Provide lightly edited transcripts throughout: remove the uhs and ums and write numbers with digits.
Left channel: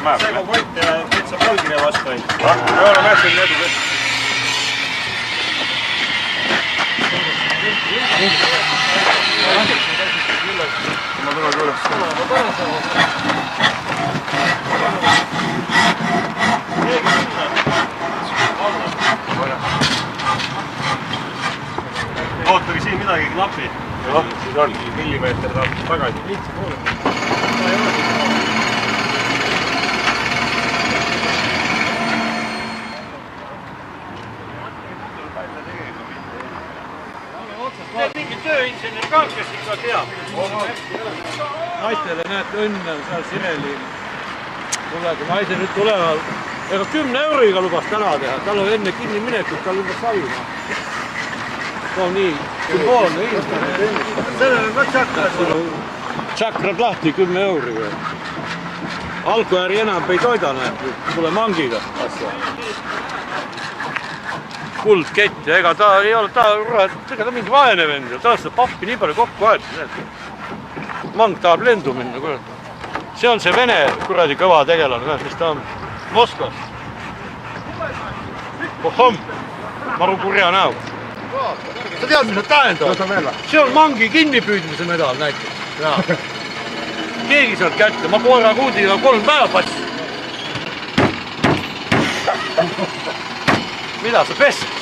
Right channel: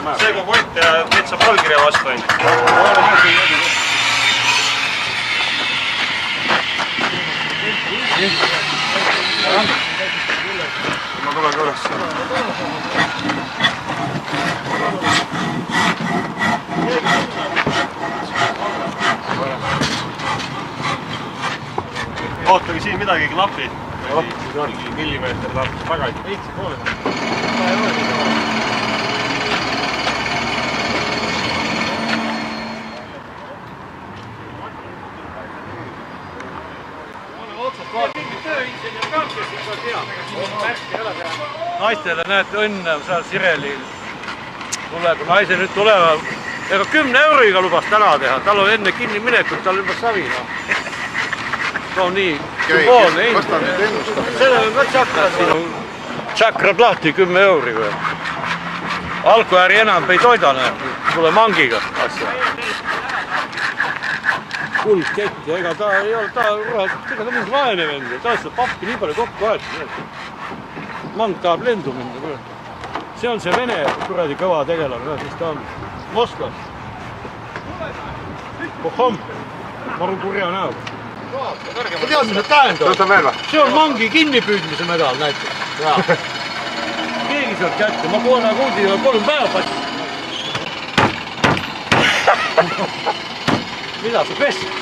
see kui kott ja teid saab allkirja vastu ainult. Ma tulen ka üles. Ootage siin midagi klapi. Millimeeter tahab tagasi. Heitsi poole. Ta ei ole nii kaua. Naistele näete õnne, seal Sireli tuleb, naise nüüd tuleva, ega 10 euriga lubas täna teha, tal on enne kinni minekut, tal juba savina. See on nii, sümboolne Kas ta nüüd ennustab? Seda on ka tšakrad. Tšakrad lahti 10 euriga. Alkoääri enam ei toida näeb, pole mangiga asja. Kuldkett ja ega ta ei ole, ta on mingi vaene vend, ta on seda pappi nii palju kokku aetud. Mang tahab lendu minna. See on see vene kuradi kõva tegelane, mis ta on Moskvast. Kohom, maru kurja näo. Sa tead, mis nad tähendavad? See on mangi kinnipüüdmise medal näiteks. Keegi saab kätte, ma koera kuudil 3 päeva passi. Mida sa pessid?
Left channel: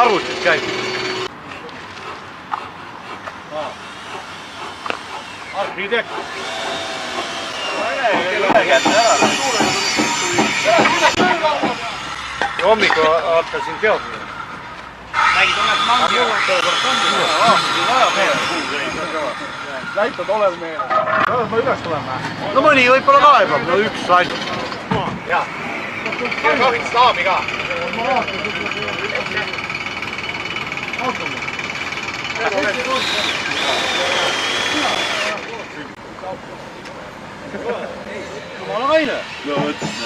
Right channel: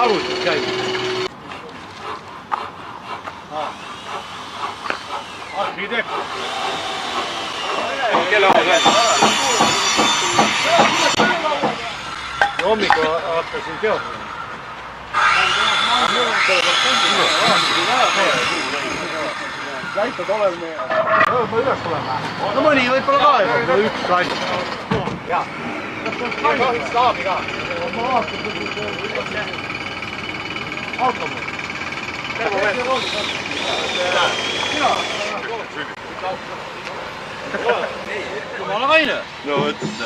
Arvutid käib. Arhitekt. Kelle aeg läheb? Hommikul hakkasin teadma. Nägid unes mangi? Laipad olema ja... Ma üles tulema. No mõni võib-olla laeva. Üks laip. Jaa. Ja kahvit staabi ka. Ma vaatan, kuidas see... Automi. Tervo veel. Jumala kaine. No võtta.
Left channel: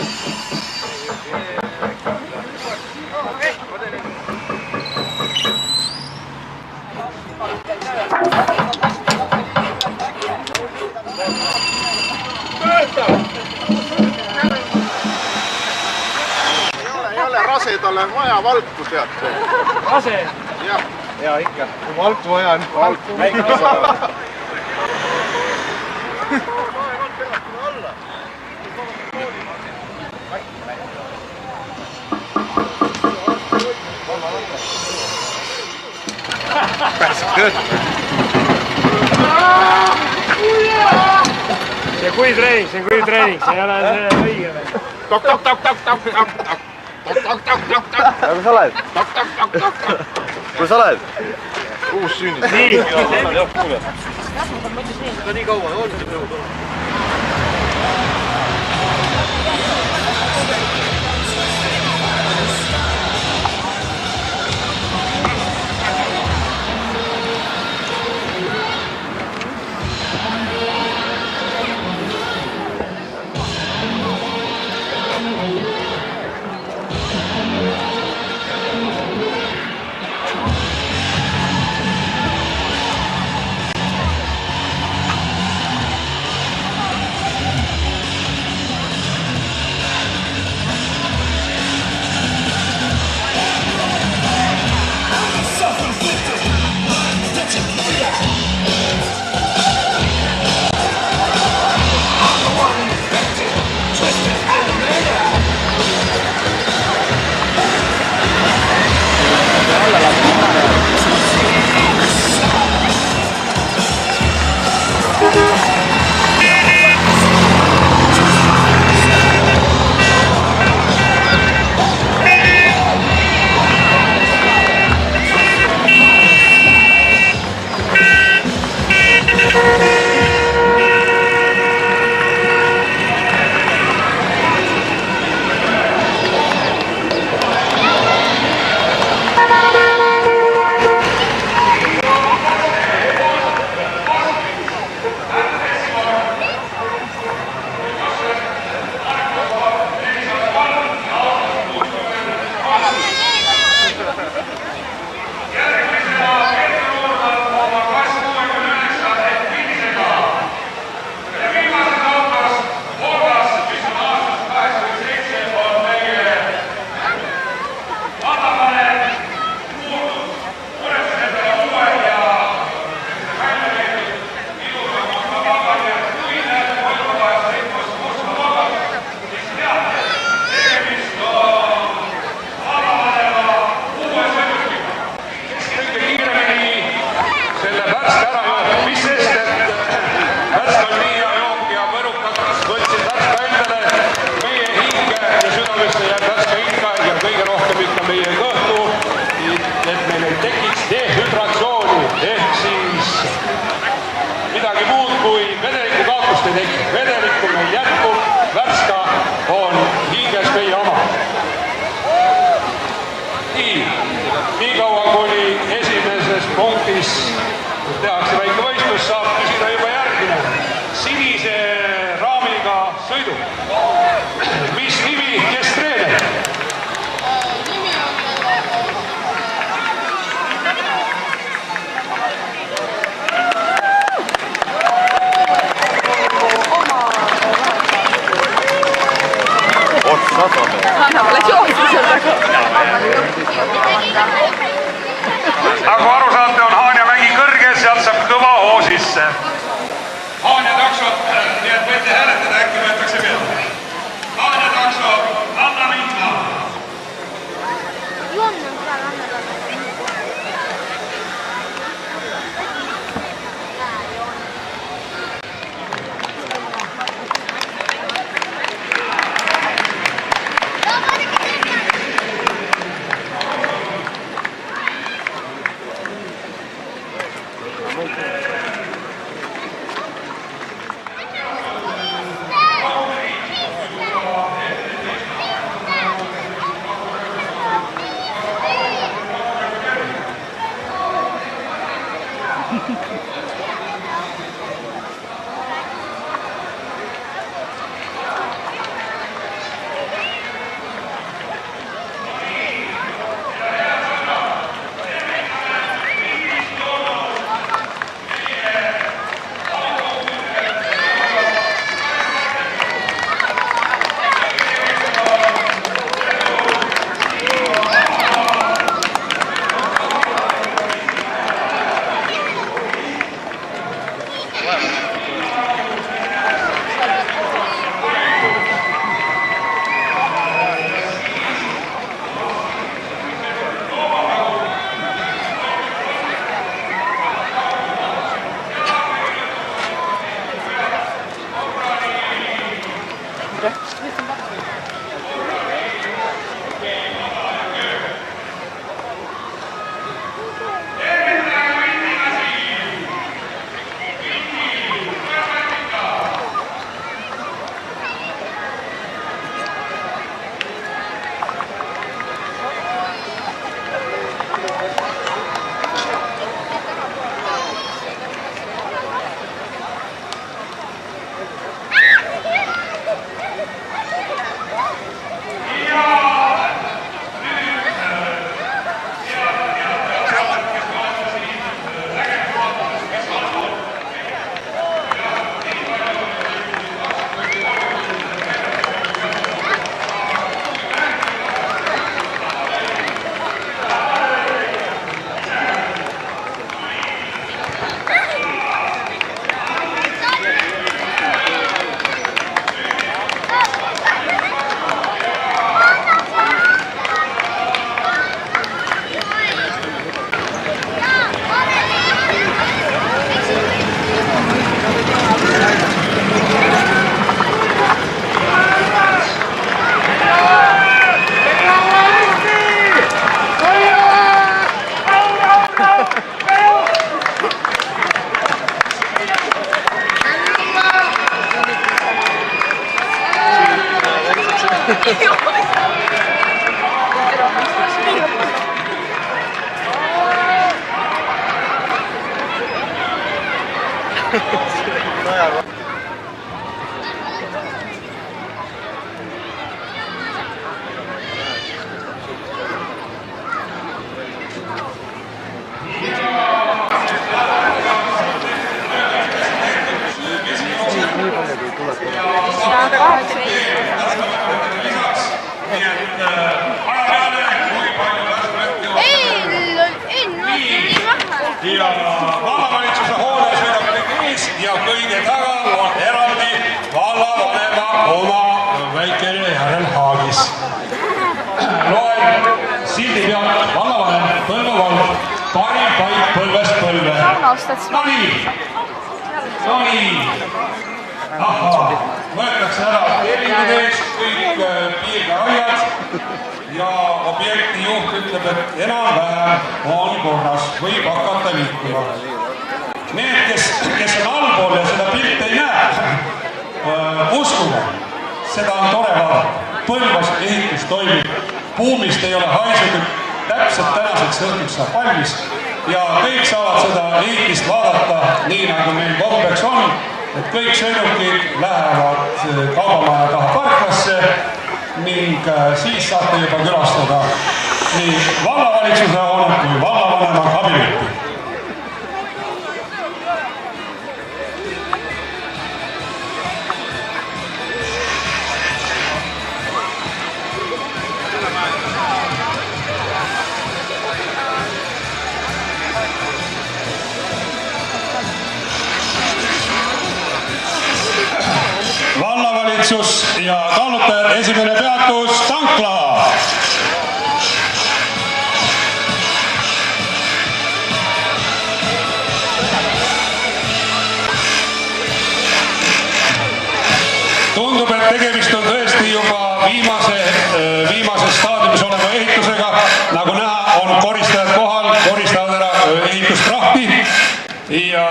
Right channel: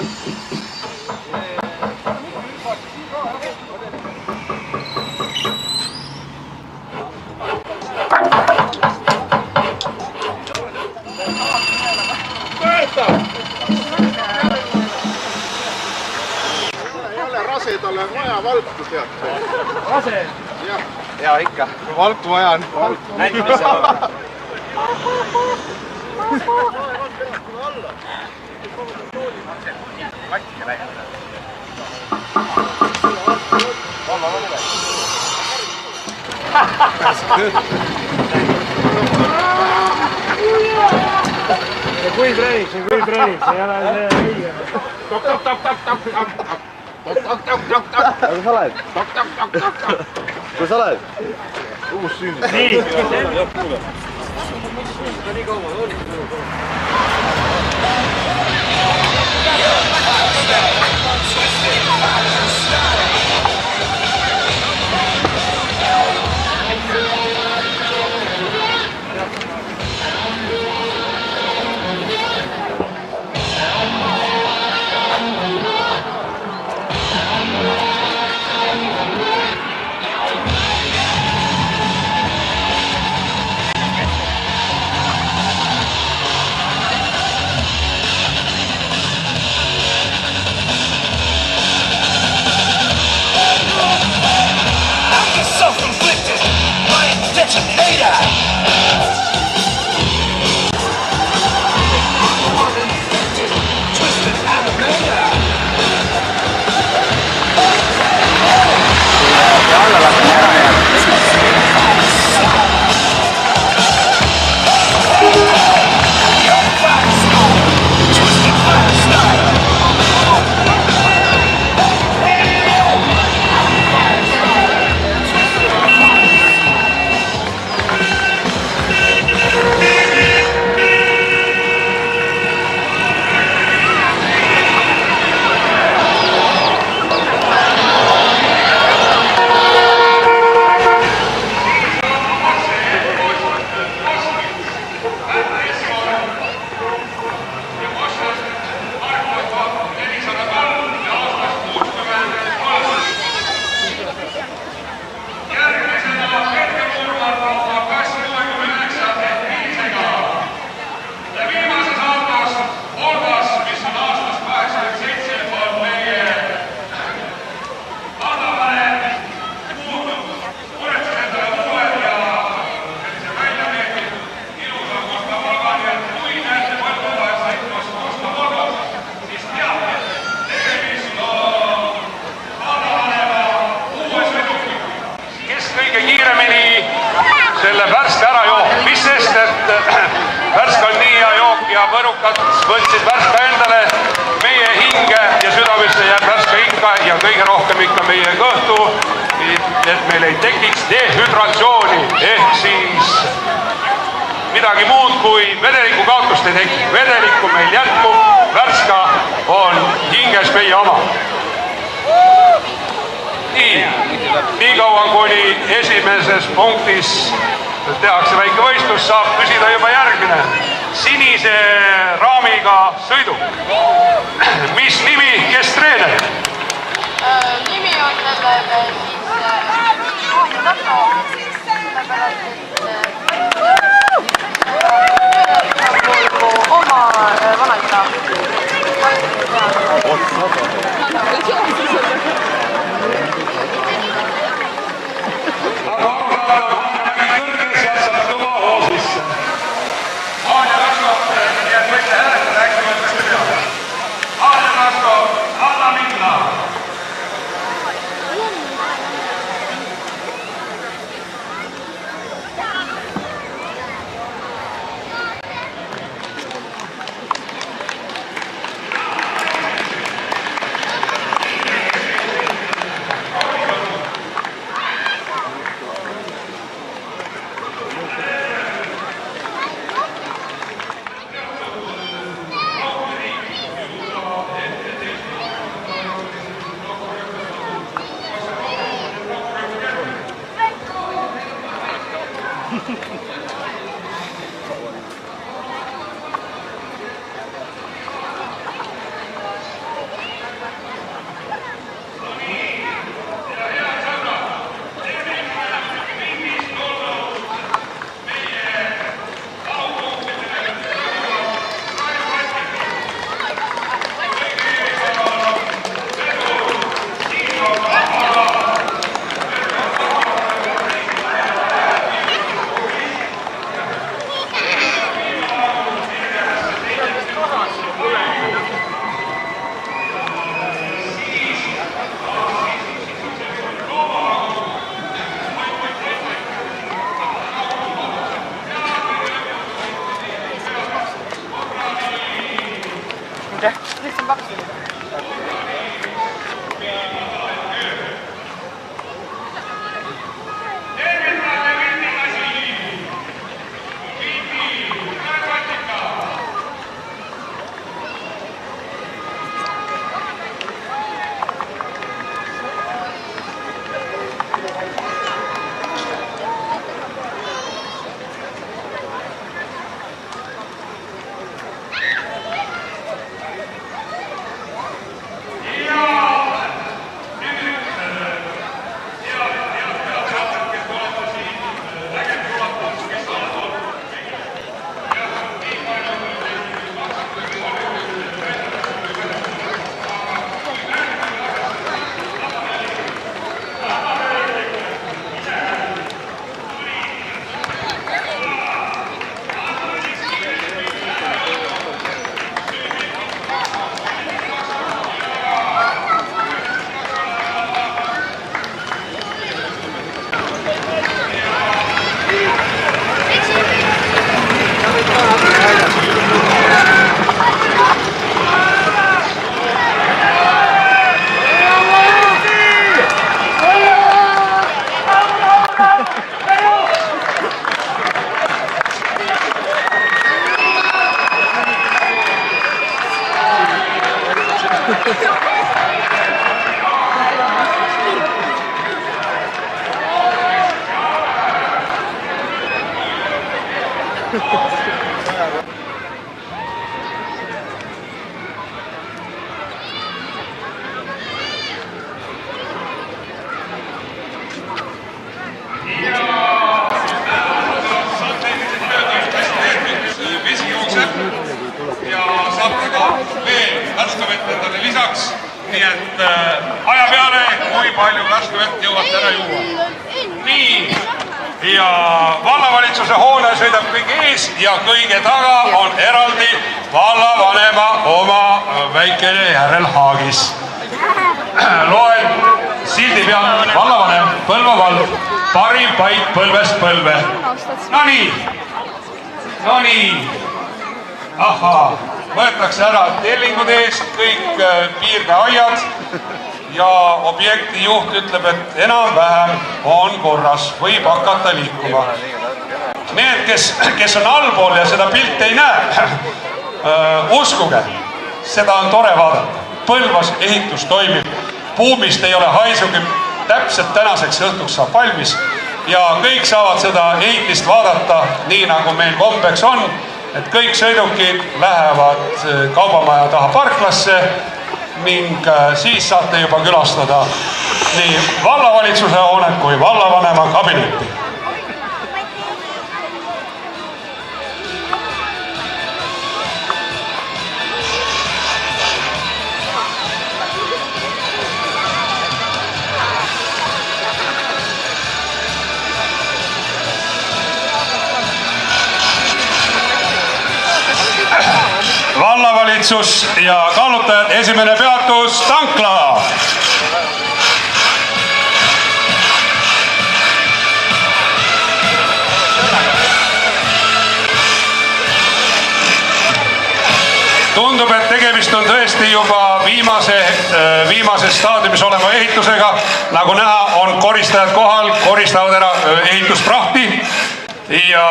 Talle on vaja valku tead. Rase? Jaa, ikka. Valku vaja on. Näite, mis seal on? Aeg on peast tule alla. Istud pavadan toolima. Vaikise lähe. See kui treening, see ei ole see õige. Tok. Aga sa oled? Tok. Kus sa oled? Uus sünnid. Nii. Ta nii kaua on siin nõud olema. eakad võtsid värska endale meie hinge ja südamesse jääb värska ikka ja kõige rohkem ikka meie kõhtu, et meil ei tekiks dehüdratsiooni ehk siis midagi muud kui vedeliku kaotust ei teki. Vedelikku meil jätkub, värska on hinges meie oma. Nii kaua kuni esimeses punktis tehakse väike võistlus, saab küsida juba järgmine. Sinise raamiga sõidu. Mis nimi, kes treener? Nimi on Nagu aru saate, on Haanja mägi kõrges, sealt saab kõva hoo sisse. Haanja taksot, nii et võite hääletada, äkki võetakse peale. Haanja taksot, anna minna. Lisaks, nii et aja peale, kui palju värskevett jõuab täna juua. Nii, ja vallavalitsuse hoone sõidab kõige ees ja kõige taga on eraldi vallavanema oma väikene järelhaagis. Loen sildi peal, vallavanem, Põlva vald, parim paik põlvest põlve. No nii. Ahaa, võetakse ära tellingud eest, kõik piirdeaiad ja objekti juht ütleb, et enam-vähem on korras, võib hakata liikuma. Need, kes on allpool ja seda pilti ei näe, uskuge, seda on tore vaadata. Põlvas ehitus toimib, buumist ei ole haisugi, täpselt tänaseks õhtuks saab valmis ja kõik saavad seda ehitist vaadata nii, nagu meil kombeks on, et kõik sõidukid lähevad kaubamaja taha parklasse ning siis saate juba külastada nii vallavalitsuse hoonet kui vallavanema kabinetti. Vallavalitsus ja kaalutajad, esimene peatus Tankla. Tundub, et tegemist on tõesti juba viimase staadiumis oleva ehitusega. Nagu näha, on koristajad kohal, koristavad ära ehitusprahti ja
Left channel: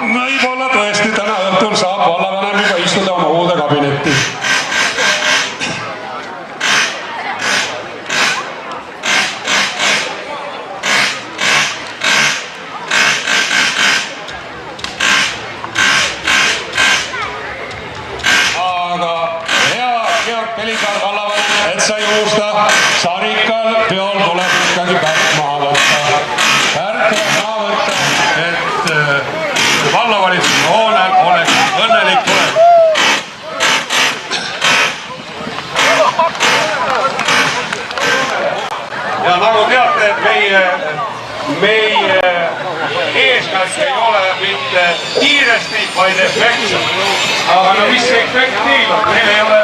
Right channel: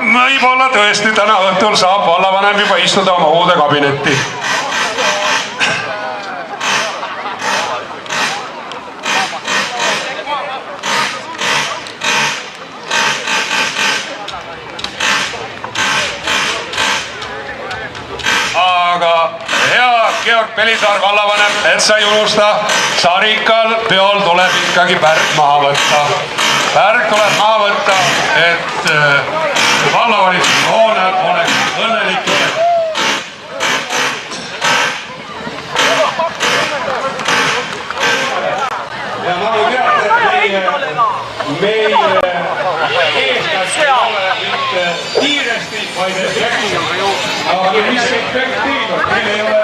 võib-olla tõesti täna õhtul saab vallavanem juba istuda oma uude kabinetti. Aga hea Georg Pelisaar, vallavanem, et sa ei unusta, Sarikal peol tuleb ikkagi pärk maha võtta. Pärk tuleb maha võtta, et vallavalitsuse hoonel oleks õnnelik tulek. Ja nagu teate, meie eesmärk ei ole mitte kiiresti, vaid efekti. Aga mis efekti on? Meil ei ole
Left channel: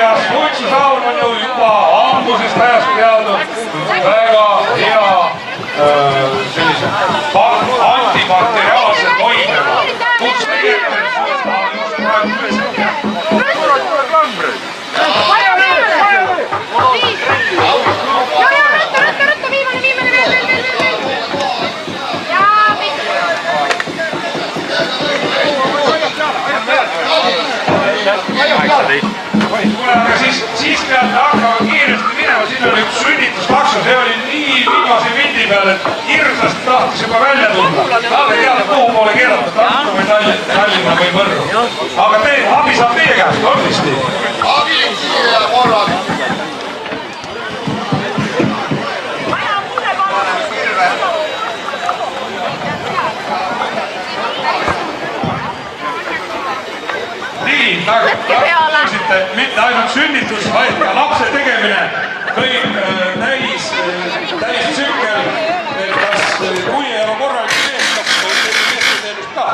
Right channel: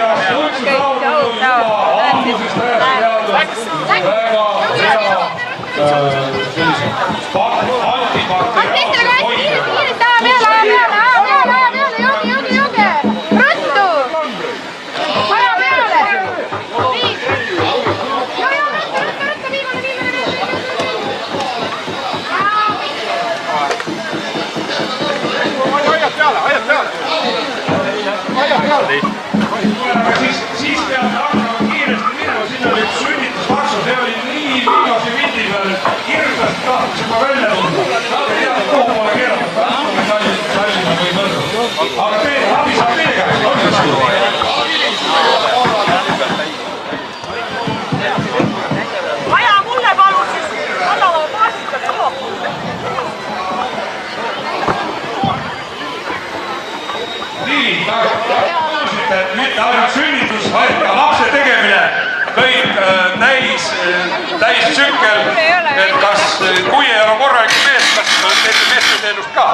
ja suitsusaun on juba algusest ajast teadnud väga hea aga siis peab hakkama kiiresti minema, siin on üks sünnitustaksu, see oli nii viimase vindi peal, et hirmsasti tahtis juba välja tulla. Nad ei teadnud, kuhu poole keerata, Tartu või Tallinna või Võrru. Aga abi saab teie käest, on siis nii? Nii, nagu kuulsite, mitte ainult sünnitus, vaid ka lapse tegemine, kõik täis tsükkel, et kas kui ei ole korralik mees, kas tegi meesteenust ka?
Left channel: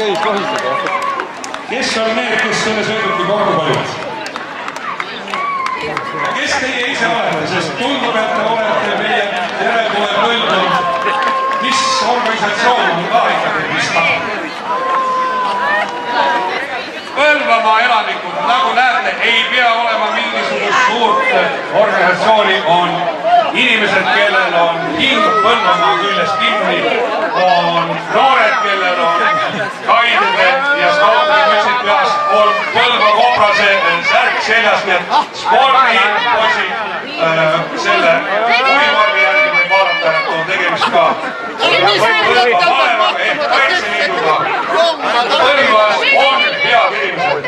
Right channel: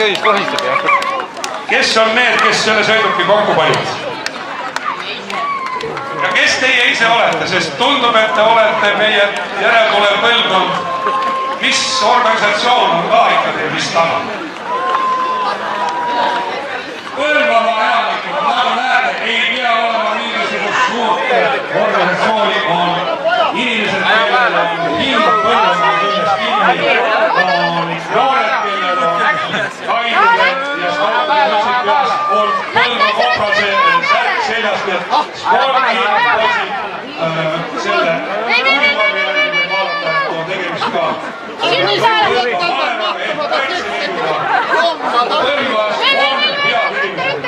köis lohiseb. Kes on need, kes selle sõiduki korda panid? Ja kes teie ise olete, sest tundub, et te olete meie järeltulev põlvkond. Mis organisatsioon on ka ikka teil vist taga? Põlvamaa elanikud, nagu näete, ei pea olema mingisugust suurt organisatsiooni, on inimesed, kellel on hing Põlvamaa küljest kinni, on noored, kellel on kained ja samuti on põlvakobrase särk seljas, nii et spordi selle tegemist ka. Mis tõmbab mahtuma ta keskselt jommad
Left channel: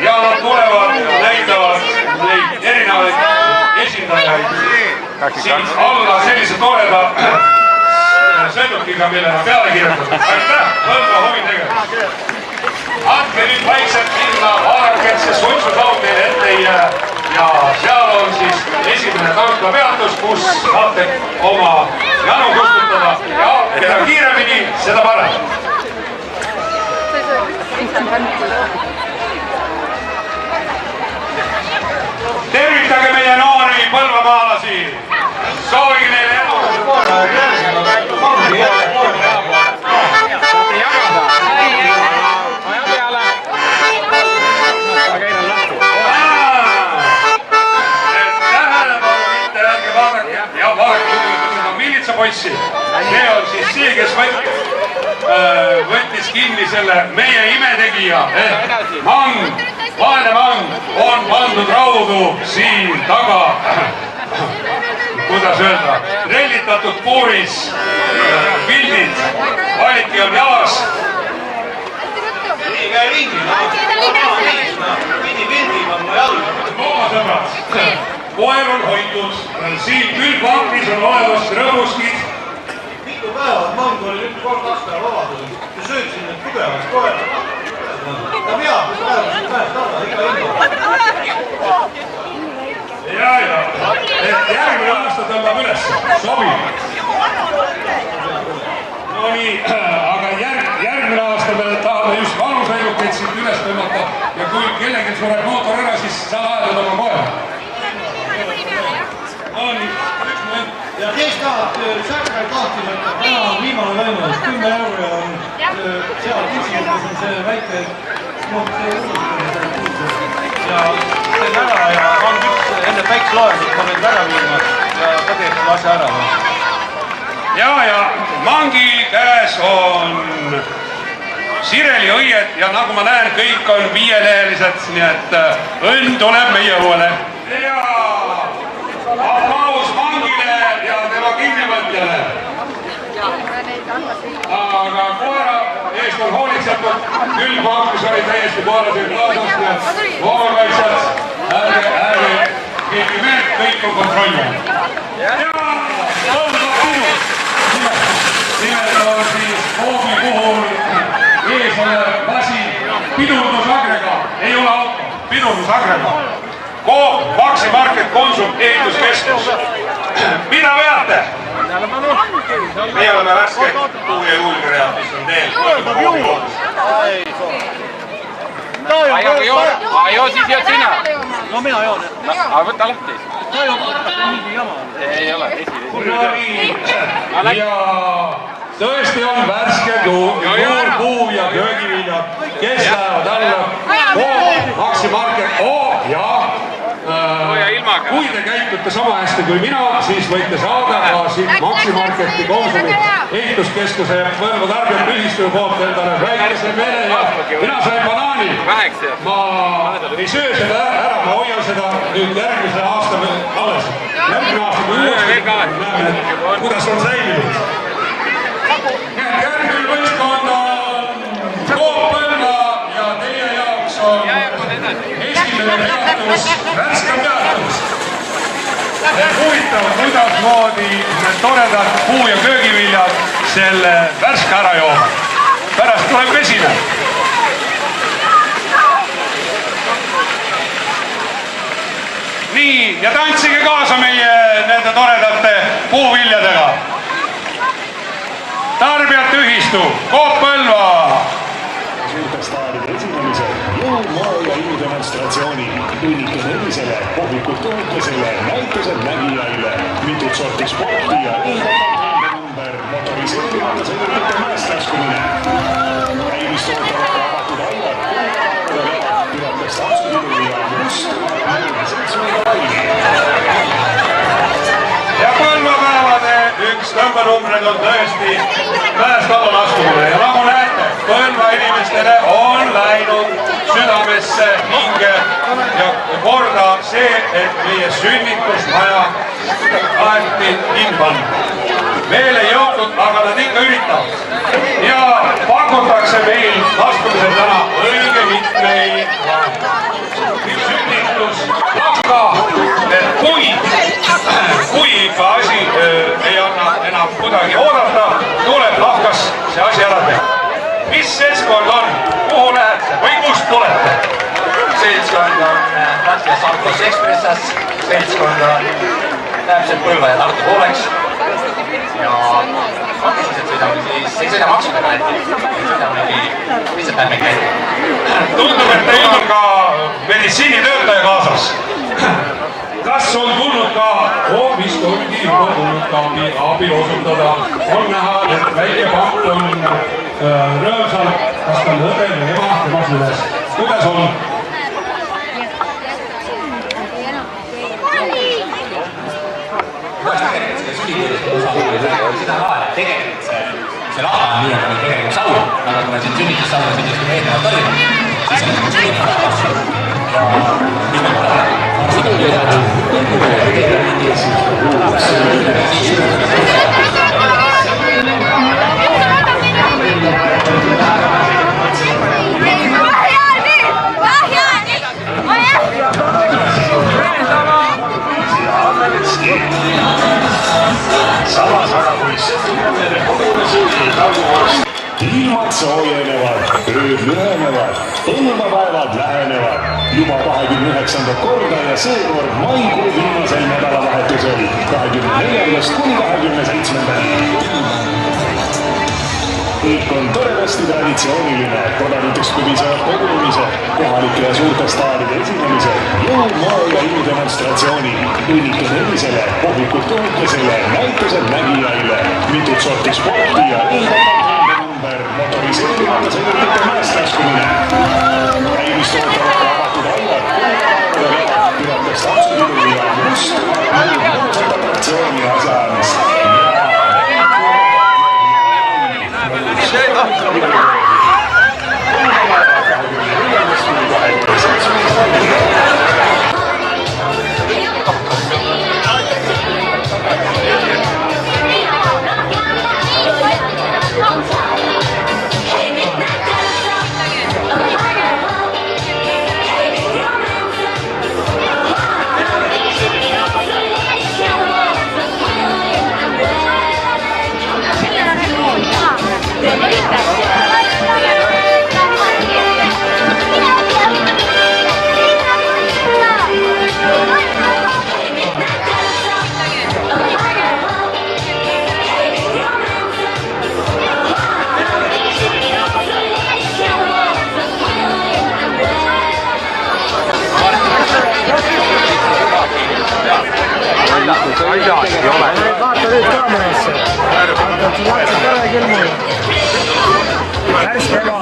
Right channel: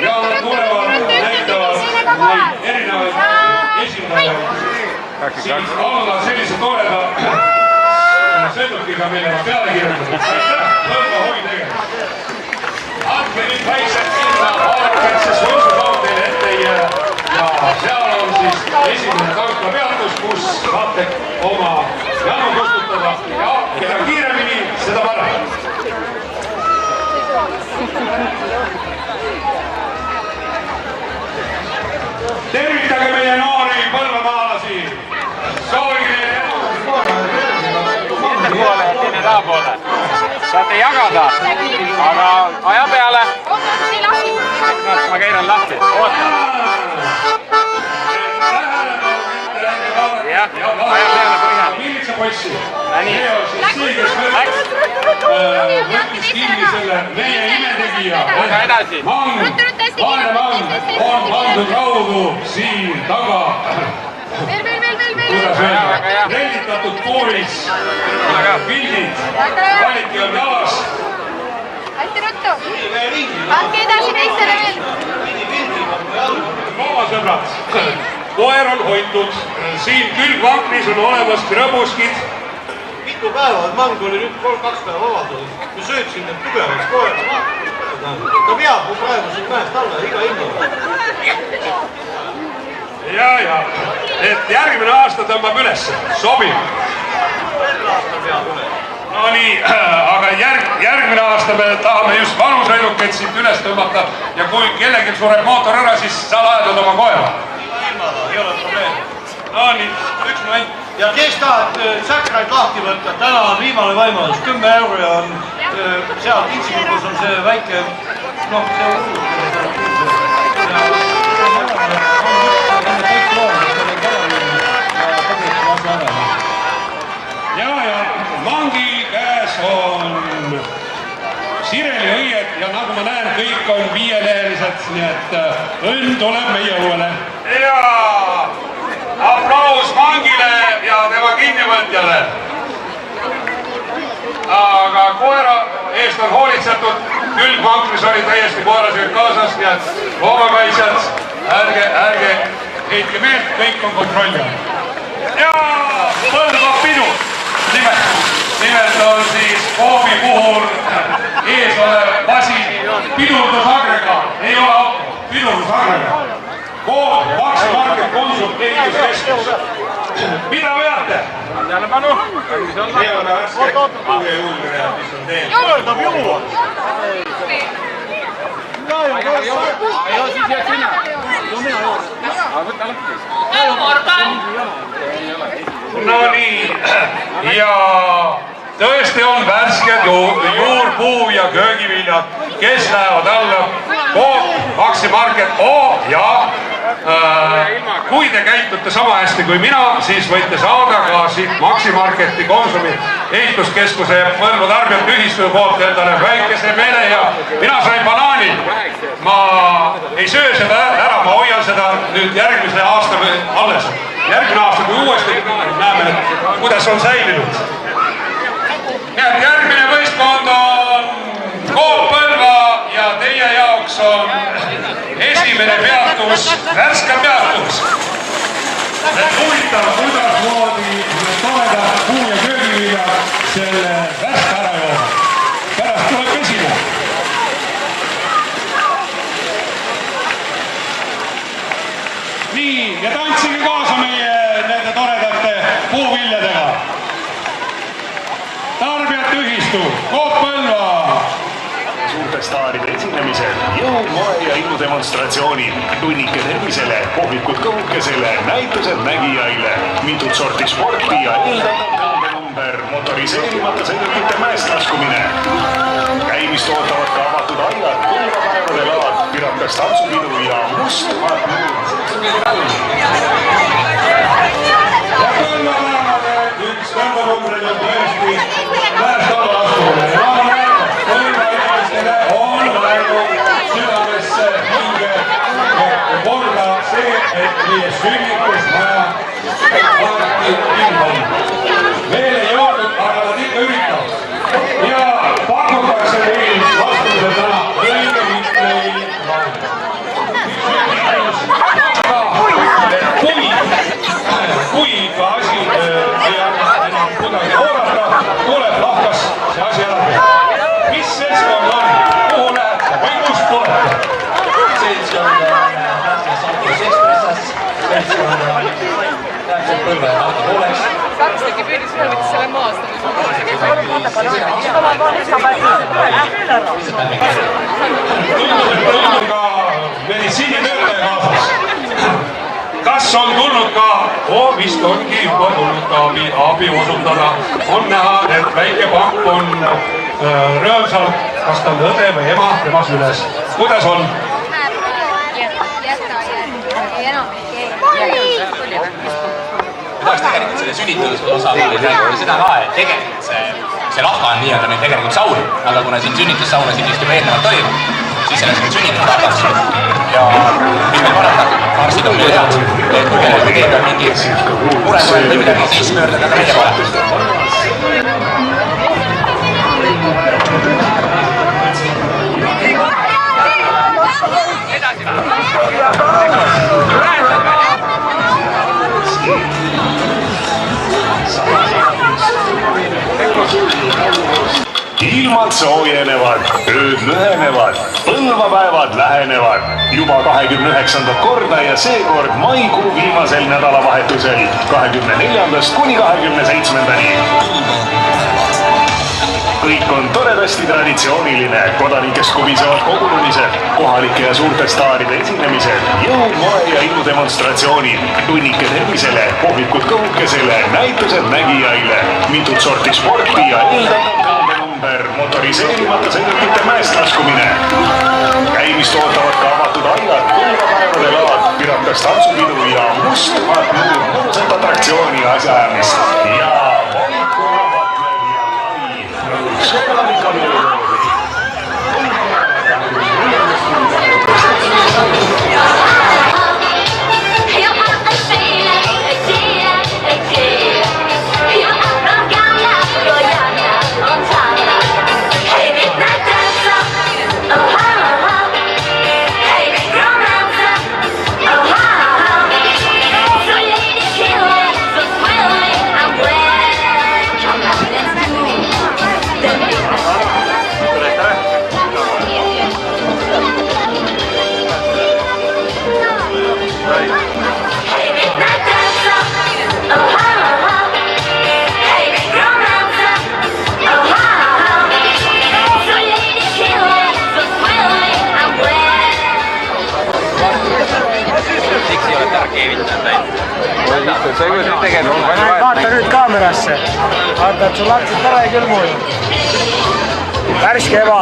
ja tulevad ja näitavad erinevaid esindajaid siis alla sellise toreda sõidukiga, mille ma peale kirjutanud. Põlva hovi tegemist. Andke nüüd vaikselt sinna ajaketse suitsusaudi ette ja seal on siis esimene tankapeatus, kus saate oma janu kustutada ja keda kiiremini, seda parem. Tervitage meie noori põlvamaalasi. Soovin neile Saate jagada, aga aja peale. Ma käin lahti. Miilitsapoissi. See on siis see, kes võttis kinni selle meie imetegija. Vaene mang on pandud raudu siin taga. Kuidas öelda? Renditatud puuris pildid. Valiti on jalas. Loomasõbrad, koer on hoitud. Siin külgvankris on olemas rõbuskid. Mitu päeva, mang oli nüüd 3-2 päeva vabadusel. Me sööksin need tugevalt koera. Ta peab praegu siin mäest alla iga hingi. Ja, et järgmine aasta tõmbab ülesse. Sobib. No nii, aga järgmine aasta me tahame just vanusõidukeid siit üles tõmmata ja kui kellelgi sureb mootor ära, siis sa laedad oma koera. No nii, üks moment. Ja kes tahab säkraid lahti võtta, täna on viimane võimalus, 10 euro on seal tintsikus on see väike, see uus, ja teeme ära ja on üks enne päik loenud, kui meil ära viima ja kõgeks lase ära. Ja mangi käes on Sireli õied ja nagu ma näen, kõik on viielehelised, nii et õnn tuleb meie õuele. Ja aplaus mangile ja tema kinnivõtjale. Aga koera eest on hoolitsetud, küll mangis oli täiesti koerased kaasast ja loomakaitsjad, ärge heitke meelt, kõik on kontrolli all. Ja põlvab pinu. Nimelt on siis Koobi puhul ees olev masin pidurdusagregaat, ei ole auto, pidurdusagregaat. Koop, Maximarket, Konsum, ehituskeskus. Mida veate? Tähelepanu. Meie oleme värske Kuu ja Juulmere, mis on teel. Kõrdab juua! Joo, siis jääd sina. No mina joon. Aga võta lahti. Ta joon, see on mingi jama. Ei ole, No nii, ja tõesti on värsked juurpuu ja köögiviljad, kes lähevad alla Koop, Maximarket, ja kui te käitute sama hästi kui mina, siis võite saada ka siit Maximarketi, Konsumi, ehituskeskuse ja Põlva tarbijate ühistu poolt endale väikese mele ja mina sain banaani. Ma ei söö seda ära, ma hoian seda nüüd järgmise aasta alles. Järgmine aasta, kui uuesti näeme, kuidas on säilinud. Nii et järgmine võistkond on Coop Põlva ja teie jaoks on esimene peatus, värske peatus. Huvitav, kuidasmoodi need toredad puu- ja köögiviljad selle värske ära joovad. Pärast tuleb vesine. Nii, ja tantsige kaasa meie nende toredate puuviljadega. Tarbijate ühistu, Coop Põlva. staaride esinemisel, jõud, moe ja innudemonstratsioonil, tunnike tervisele, kohvikud kõhukesele, näitused nägijaile, mitut sorti sporti ja number motoriseerimata sõidukite mäest laskumine. Käimist ootavad ka avatud aiad, kuulajaad, piratas tantsupidu ja must ja põlvapäevade üks kõrvanumbreid on tõesti mäest alla laskumine. Ja nagu näete, põlva inimestele on läinud südamesse hinge ja korda see, et meie sünnitusmaja lahti kinni panna. Veel ei jõudnud, aga nad ikka üritavad. Ja pakutakse meil laskumise täna õige mitmeid sünnitus. Aga kui ikka asi ei hakka enam kuidagi oodata, tuleb lahkas see asi ära teha. Mis seltskond on? Kuhu lähete või kust tulete? Seltskond on Sankos Ekspressast, seltskond on täpselt Põlva ja Tartu pooleks. Ja siis ise maksame. Tundub, et teil on ka meditsiinitöötaja kaasas. Kas on tulnud ka, vist ongi juba tulnud ka abi osutada. On näha, et väike pank on rõõmsal, kas ta on õde või ema, tema süles. Kuidas on? Tahaks tegelikult selle sünnituse osaga rääkida seda ka, et tegelikult see lahva on nii-öelda nüüd tegelikult saun, aga kuna siin sünnitussaunasid just juba eelnevalt toimub, siis sellest on sünnitusrahvas. Ja mis meil parem, arstid on üle head, et kui teeb mingi mure või midagi, siis pöördada ka mida parem. Ilmad soojenevad, ööd lühenevad, põlvapäevad lähenevad. Juba 29. korda ja seekord maikuu viimasel nädalavahetusel 24. kuni 27. Kõik on toredasti traditsiooniline, kodanikest kubisevad kogunemised, kohalike ja suurte staaride esinemised, jõud, moe ja innudemonstratsioonil, tunnike tervisele, kohvikud kõhukesele, näitused nägijaile, mitut sorti sporti ja motoriseerimata sõidukite mäest laskumine. Käimist ootavad ka avatud aiad, kuulajaad, piratas tantsupidu ja must atraktsiooni asjaajamist. Ja Vaata nüüd kaamerasse. Vaata, et sul lapsed tore külmu. Värske ema.